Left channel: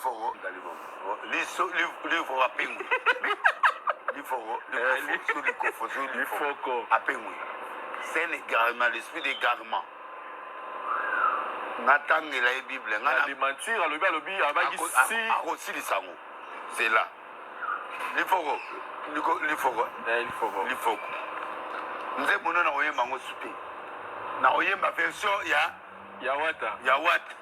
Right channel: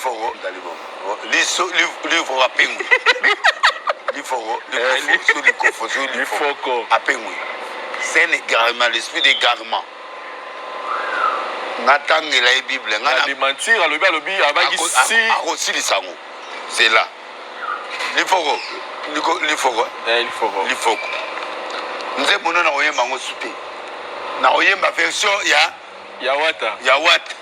Liforo, livre à Pengou. Liforo, à Pengou. C'est un égarement, l'esprit d'égarement. Nathan et la Bible. Les mentir, le lobby, avec ici. Aussi les sangs. C'est là. Liforo. Liforo. Liforo. Nous avons un mango soupé. Nous avons une version, il y a. Yawata. Yawata.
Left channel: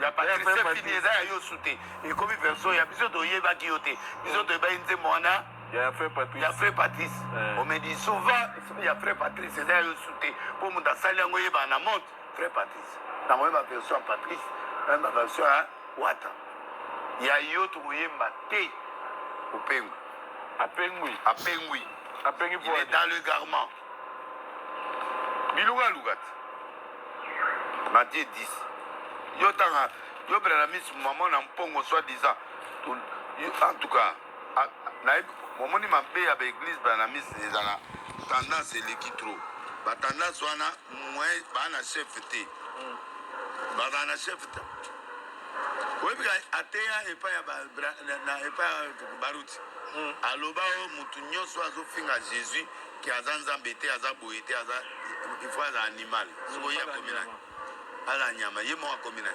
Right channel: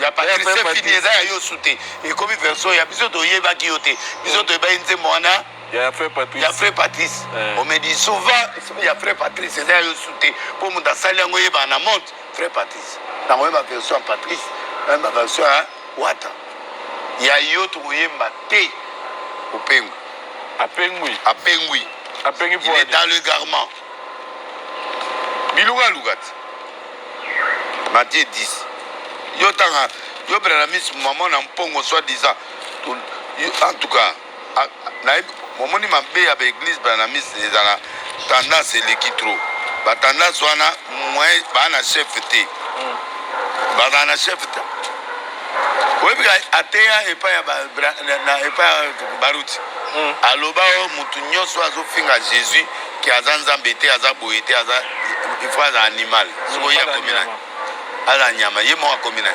Il y a Patrice Fini, il y a Yosuté. Et comme version, il y a besoin de Yéba Kioté. Besoin de Baïnze Moana. Il y a frère Patrice. Il y a frère Patrice. On me dit souvent, il y a frère Patrice, il y a Yosuté. Pour nous, dans Salango Yéba, on monte frère Patrice. Dans ma version Patrice, dans ma version Wata. Il y a Yoto Yéba Té au Pengou. À Pengou. À Pengou. Il est dans le garment. Bilouga Lougat. Matthieu 10. Yo Branamis, maman n'a pas soi-disant. En tout cas, mon m'a payé avec l'église Branamis, c'est la tendance et l'équitro. La tendance, on a un chef. Un chef. Oui, atea et pas Barouti. Aloba, Moutounion, soit à Jésus, qui a zambété, à zaboïté, il faut un animal. Soyez communal. Alanyama, il y a mon communal.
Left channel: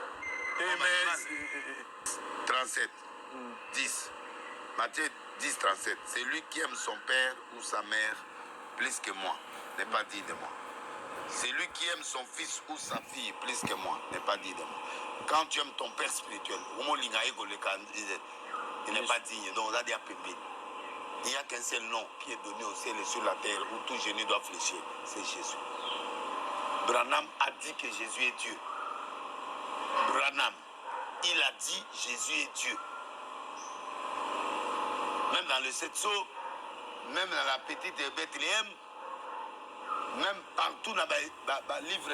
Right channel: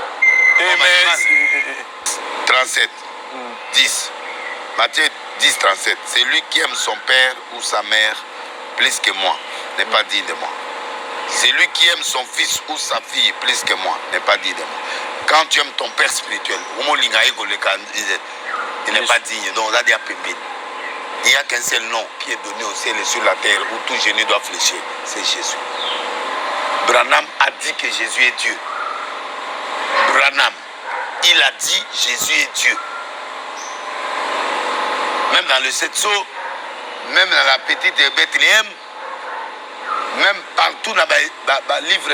37, 10. Matthieu 10, 37. C'est lui qui aime son père ou sa mère plus que moi, n'est pas dit de moi. C'est lui qui aime son fils ou sa fille plus que moi, n'est pas dit de moi. Quand tu aimes ton père spirituel, il n'est pas digne. Donc, on a dit à Pépé. Il n'y a qu'un seul nom qui est donné au ciel et sur la terre où tout genou doit fléchir. C'est Jésus. Branham a dit que Jésus est Dieu. Branham, il a dit Jésus est Dieu. Même dans le Setso, même dans la petite Bethléem, même partout dans le livre,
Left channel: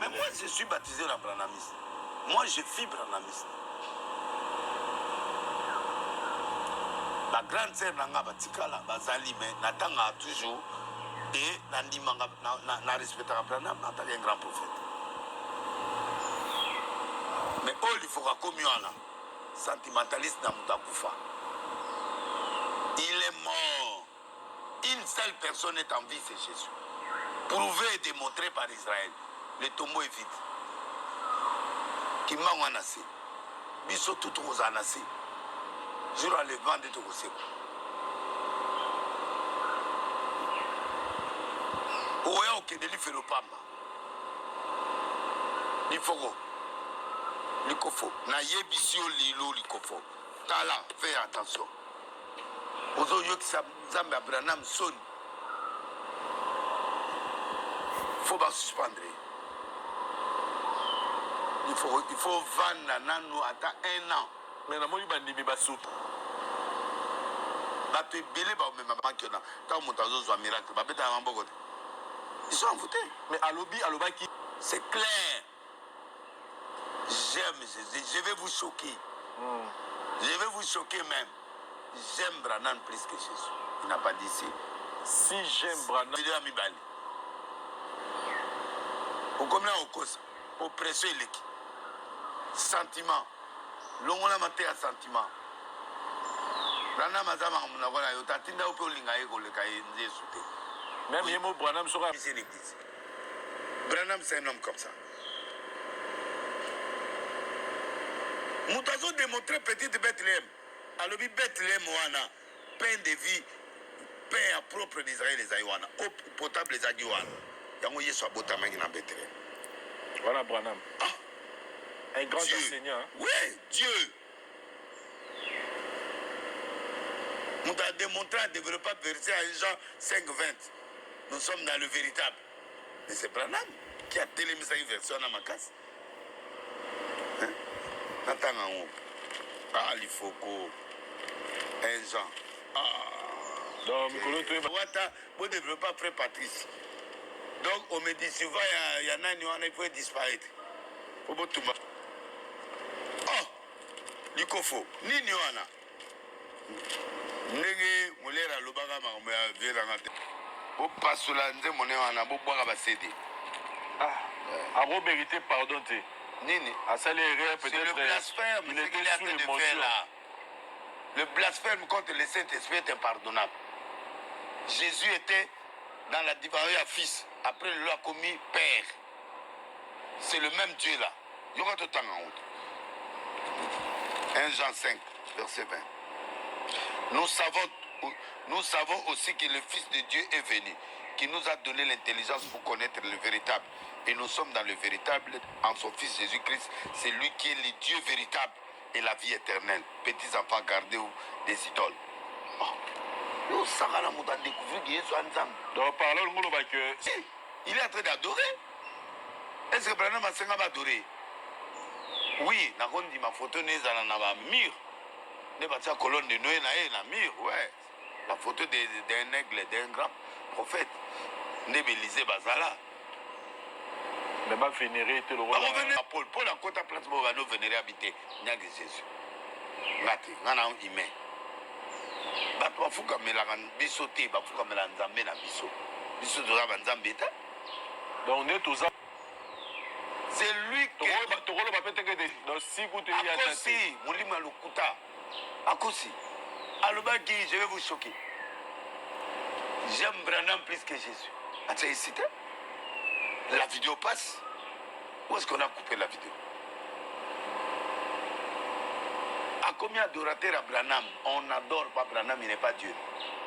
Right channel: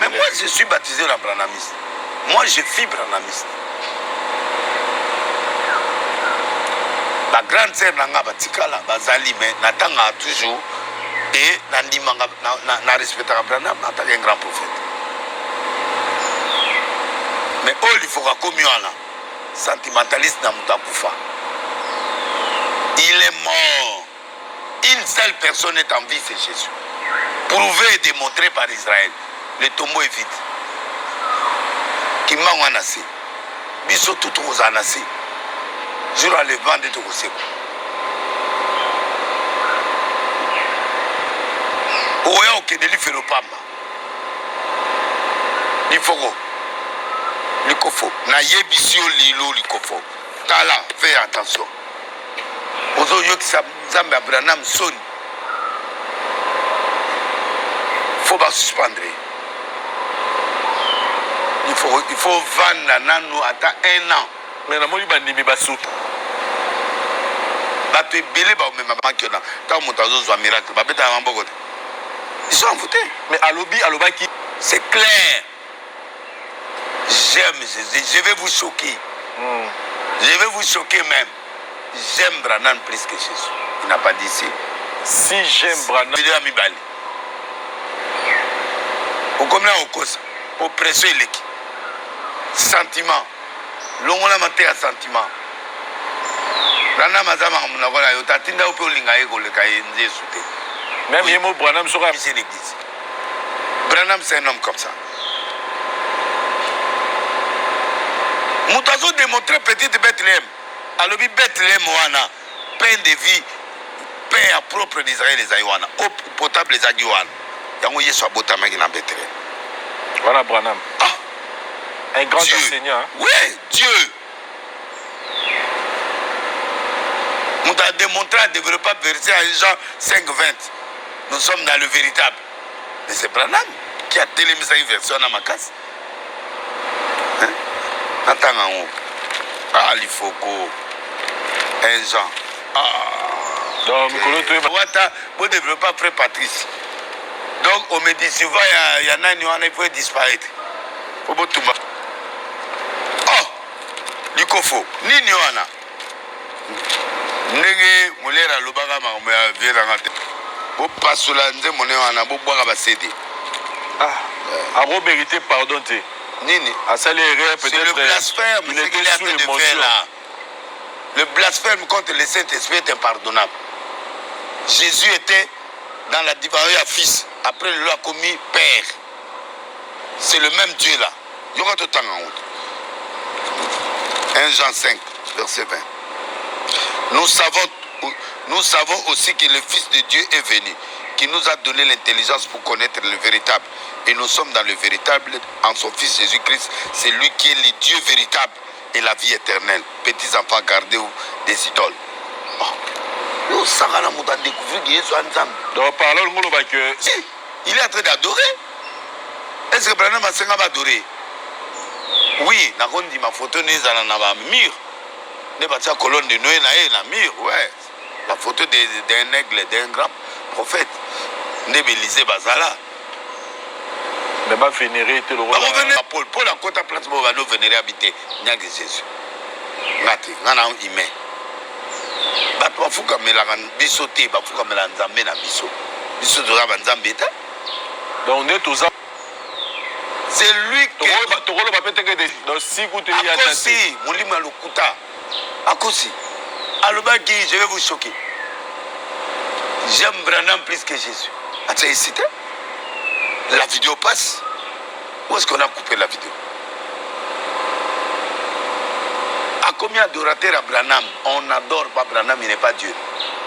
mais moi je suis baptisé dans Branhamiste. Moi je suis Branhamiste. La grande sœur Nanga Batikala, Bazali, mais n'attend toujours et n'a respecté Branham en tant qu'un grand prophète. Mais il faut comme là, sentimentaliste dans Moutakufa. Il est mort. Une seule personne est en vie, c'est Jésus. Prouvé et démontré par Israël. Le tombeau est vide. Qui m'a anassé. Biso tout aux anassé. Jour à le vent de Togoseko. Oya okende li felo pamba. Li fogo. Li kofo. Na yebisio lilo li kofo. Tala, fais attention. Ozo yokisa Nzambe Abraham Soni. Faut pas suspendre. Il faut vendre nano à 1 an. Mais la moli bandimi basou. Bato belé ba même banque là. Tant montazo zo miracle. Ba beta mamboko. Ils sont votés. Mais aloba qui c'est clair. J'aime Jésus. Je vais vous choquer. Je vais vous choquer même. J'aime Branham plus que Jésus. Il n'a pas dit ça. Si j'aime Branham. Il a mis balé. Au comme là, au cause. Oppression et l'équipe. Sentiment. L'on a monté à sentiment. Branham a dit voilà, il a tinda au peu lingaï ko le cahier nzé souté. Même il mot Branham sera. C'est l'église. Branham c'est un homme comme ça. Moutazo démontré petite Bethléem. Alors Bethléem wana pain de vie, pain à propre d'Israël les aïwana, eau potable les aïwana. Yango yeso abota magi na Bethléem. Voilà Branham. Ah, un grand Dieu. enseignant. Hein? Oui, Dieu. Nous avons démontré à développer pas verset à Jean 5, 20. Nous sommes dans le véritable. Mais c'est Branham qui a télémisé cette version dans ma casse. Hein? Attends en haut. Ah, il faut que. Un Jean. Ah. Donc, vous ne développez pas frère Patrice. Donc, on me dit, souvent, il y en a un qui peut disparaître. Oh, Likofo, ni Niwana. Nege, Molera, Lobaga, Verangate. Vous passez là, Nze, Monéwana, vous boire à céder. Ah, à vos vérités, pardon. Nini. À ça, les rêves, C'est peut-être. le blasphème, Il ce qu'il est était en sous train de faire l'émotion. là. Le blasphème contre le Saint-Esprit est impardonnable. Jésus était dans la divinité à fils. Après, il l'a commis père. C'est le même Dieu là. Il y aura tout le temps en route. 1 Jean 5, verset 20. Nous savons aussi que le Fils de Dieu est venu, qui nous a donné l'intelligence pour connaître le véritable. Et nous sommes dans le véritable en son Fils Jésus-Christ. C'est lui qui est le Dieu véritable et la vie éternelle. Petits enfants, gardez-vous des idoles. Oh. Donc, parlons que. Il est en train d'adorer. Est-ce que Branham Asenga va adorer? Oui, nakondi ma photo nezala na ba mur. Ne ba tia colonne de Noé na mur, ouais. La photo d'un aigle, d'un grand prophète. Ne Élysée bazala. Mais va vénérer tout le rôle. Va revenir à Paul. Paul a compté place pour va nous vénérer habiter. Nyang Jésus. Ngati, ngana ime. Ba to fuka melanga biso te, ba fuka melanga nzambe na biso. Biso doza ba nzambe ta. Donc on est tous ça. C'est lui qui Tokolo va peut-être que dans 6 coups de liens. Akosi, Moulima Lokuta. Akosi. Alobaki, je vais vous choquer. J'aime Branham plus que Jésus. As-tu hésité? La vidéo passe. Où est-ce qu'on a coupé la vidéo? À combien d'adorateurs à Branham? On n'adore pas Branham, il n'est pas Dieu.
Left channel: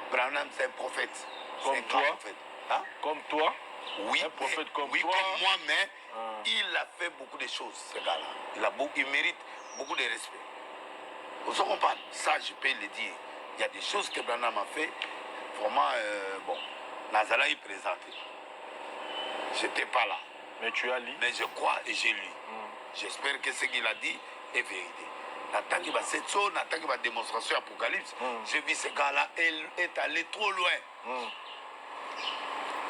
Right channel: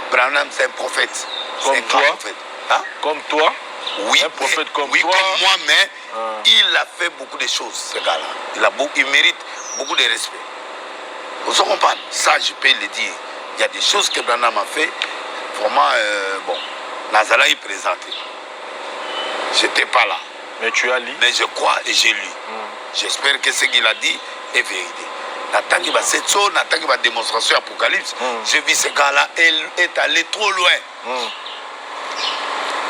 Branham, c'est un prophète. Comme toi? Prophète. Hein? Comme toi? Oui, un prophète comme oui, toi. comme moi, mais il a fait beaucoup de choses, ce gars-là. Il mérite beaucoup de respect. Vous en comprenez? Ça, je peux le dire. Il y a des choses que Branham a fait. Vraiment, bon, Nazala est présenté. Je n'étais pas là. Mais tu as lu. Mais je crois et j'ai lu. J'espère que ce qu'il a dit est vérité. N'attends qu'il va cette chose, n'attends qu'il va démonstration Apocalypse. J'ai vu ce gars-là, il est allé trop loin.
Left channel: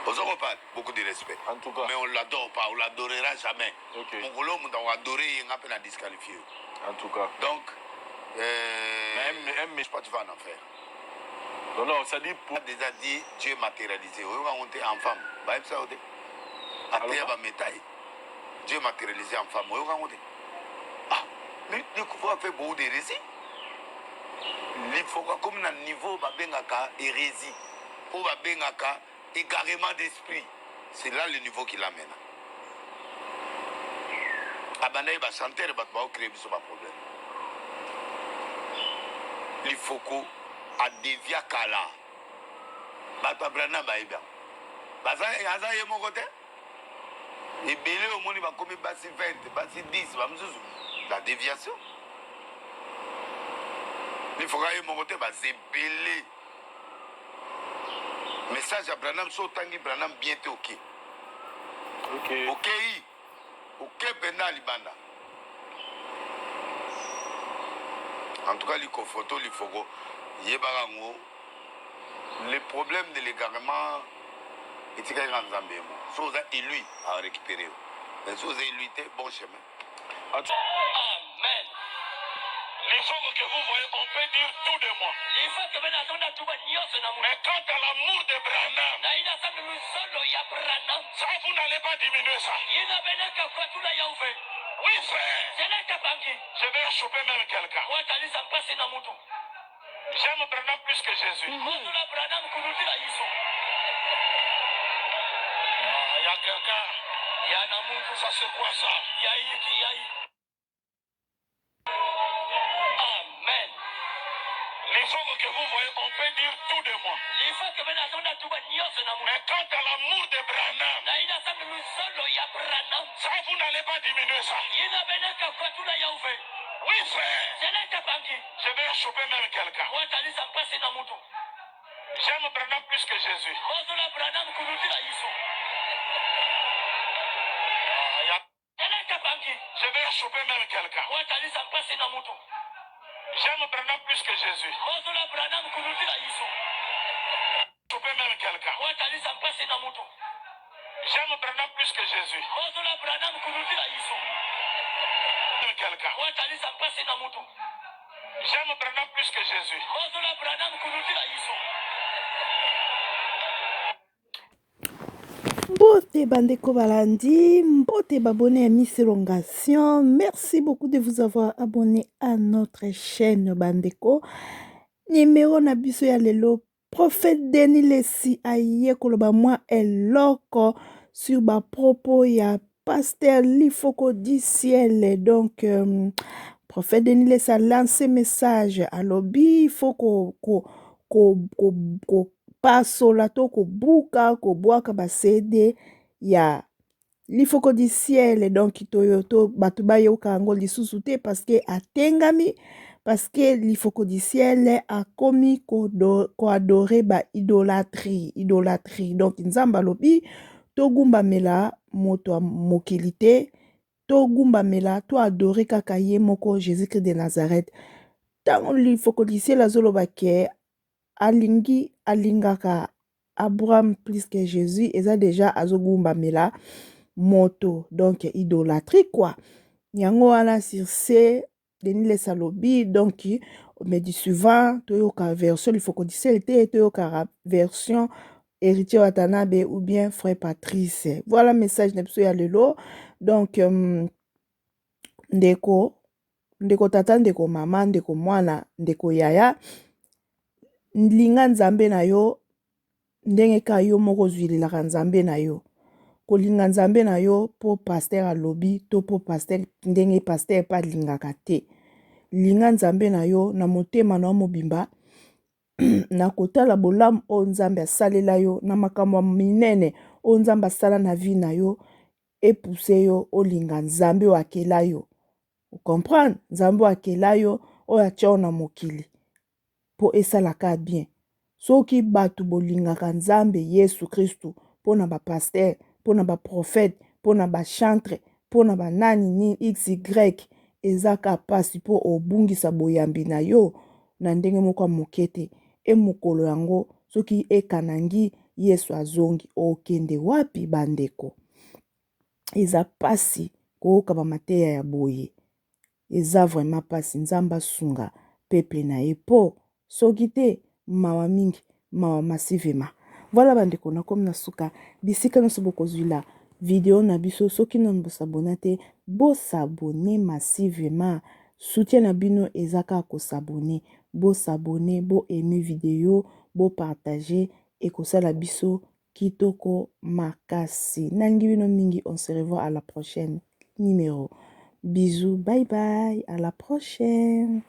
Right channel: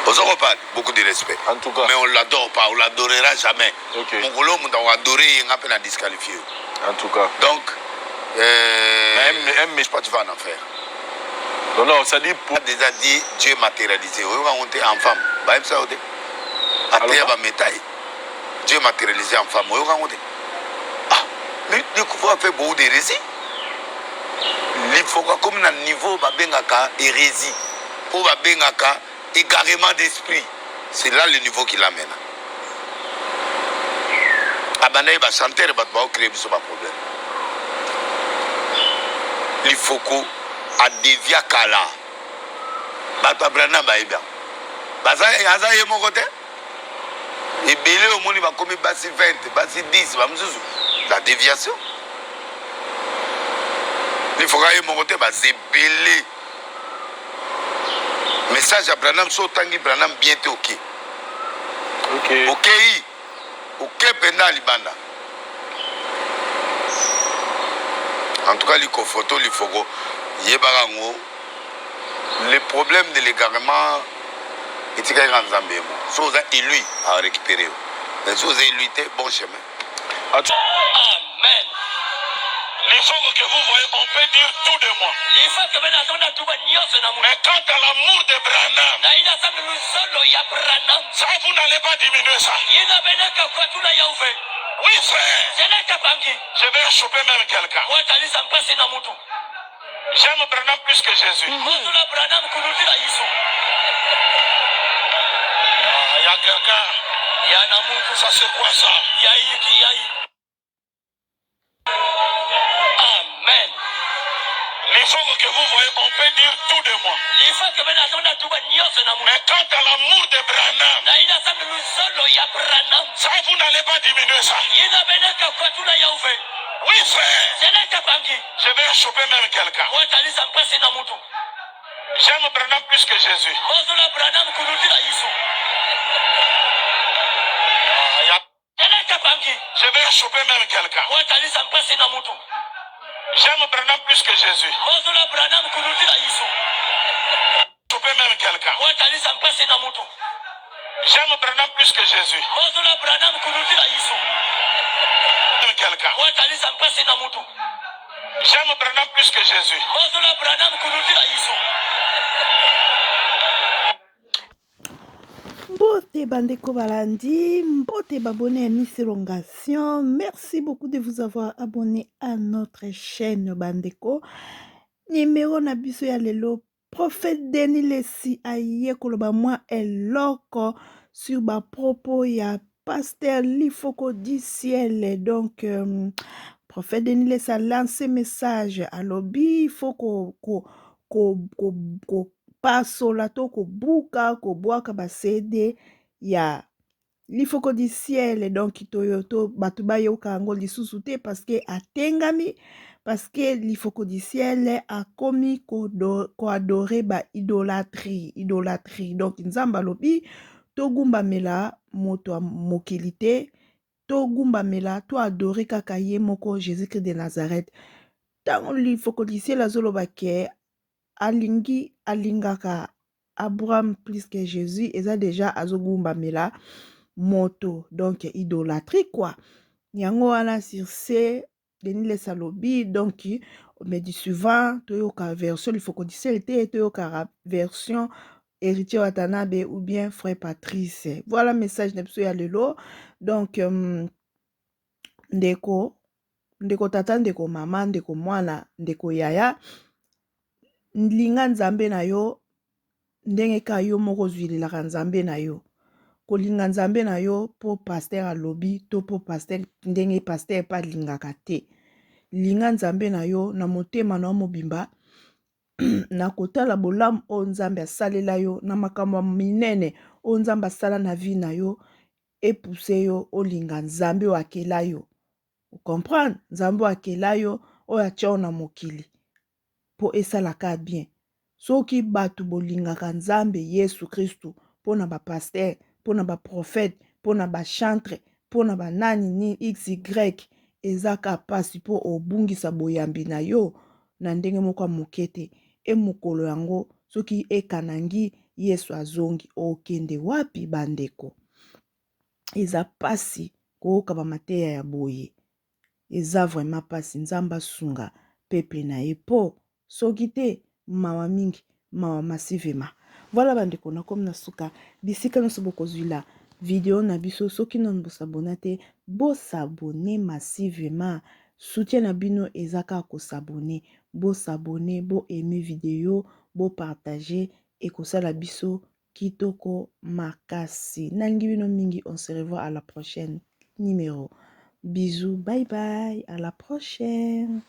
Vous en parle, beaucoup de respect. En tout cas. Mais on ne l'adore pas, on ne l'adorera jamais. Ok. Mon golo, on doit adorer, il a peine disqualifié. En tout cas. Donc, mais je sais pas, tu vas en enfer. Non, non, ça dit pour. On a déjà dit Dieu matérialisé. On va monter en femme. Bah, ça, on dit. À terre, on va mettre. Dieu matérialisé en femme. On va monter. Ah, mais il faut faire beaucoup d'hérésie. Il faut comme un niveau, bah, bengaka hérésie. Ou bah, bengaka égarement d'esprit. C'est là le niveau qu'il amène. Abanaï va chanter, il va créer ce problème. Il faut qu'on a dévié Kala. Bata Brana Baïbia. Baza est mon côté. Et Bélé au monde va comme Bassi 20, Bassi 10, la déviation. Il faut que mon côté, c'est Bélé. Message à Branham, so tangi Branham bientôt ok. Ok. Ok. Ok, pendant Libanda. En tout cas, il faut photo, il faut que le problème de l'égarement est qu'il y a un Zambé. Si vous êtes élu à récupérer, mais si vous êtes élu, bon chemin. Amen. Les gens que vous voyez, on peut dire tout de moi. Mais quant à l'amour de Branham, ça vous n'allez pas diminuer ça. Oui, frère. Je vais choper même quelqu'un. J'aime Branham plus que Jésus. Il y a quelqu'un. Ça c'est quoi ça? Amen. Les gens que vous voyez, on peut dire tout de moi. Mais quant à l'amour de Branham, ça vous n'allez pas diminuer ça. Oui, frère. Je vais choper même quelqu'un. J'aime Branham plus que Jésus. Je vais choper même quelqu'un. J'aime Branham plus que Jésus. Choper même quelqu'un. J'aime Branham plus que Jésus. Même quelqu'un. J'aime Branham plus que Jésus. Mbote Bandeko Balandi, Mbote Babonné à Miss Elongation. Merci beaucoup de vous avoir abonné à notre chaîne Bandeko. Numéro Nabiso ya lelo, prophète Denis Lessi aye koloba moi eloko sur ba propos ya pasteur Lifoko du ciel. Donc, prophète Denis Lessi a lancé message à lobby, il faut ko pasola to ko buka ko boaka basede ya Lifoko du ciel. Donc toyoto batu bayoka yango lisusu te parce que atengami, parce que Lifoko du ciel a commis ko adorer ba idolâtrie. Donc nzamba lobi to gumba mela moto a mokili te, to gumba mela to adorer kaka ye moko Jésus-Christ de Nazareth. Tango Lifoko du ciel azoloba ke alingi alingaka Abraham plus que Jésus, et ça déjà azogumba mela moto, donc idolâtrie quoi. Yango ala sur ce Denis Lessi alobi, donc mais du suivant toyoka version il faut qu'on dise te toyoka version héritier Watanabe ou bien frère Patrice. Voilà message na biso ya lelo. Donc ndeko tata, ndeko mama, ndeko mwana, ndeko yaya, linga nzambe na yo ndenge ka yo moko zwilelaka nzambe na yo. Kolinga nzambe na yo po pasteur alobi to po pasteur ndenge pasteur pa lingaka te. Linga nzambe na yo na motema na mobimba na kotala bolamu o nzambe asalela yo na makambo minene o nzambe asala na vie na yo epuse yo olinga nzambe wakela yo. Vous comprenez? Nzambe wakela yo o atia na mokili po esalaka bien. Soki batu bolingaka nzambe Yesu Kristu pona ba pasteur, pona ba prophète, pona ba chantre, pona ba nani ni XY ezaka pasi po obungisa boyambi na yo na ndenge moko mokete e mokolo yango soki ekanangi Yesu azongi okende wapi bandeko. Eza pasi koyoka ba mateya ya boye. Eza vraiment pasi nzamba sunga peuple na epo soki te mawa mingi mawa massivement. Voilà bandeko na comme na suka bisika no sobo kozula vidéo na biso soki non bo s'abonner te bo s'abonner massivement. Soutien na bino ezaka ko s'abonner, bo s'abonner, bo aimer vidéo, bo partager et ko sala biso kitoko makasi. Nangi bino mingi, on se revoit à la prochaine numéro. Bisous, bye bye, à la prochaine.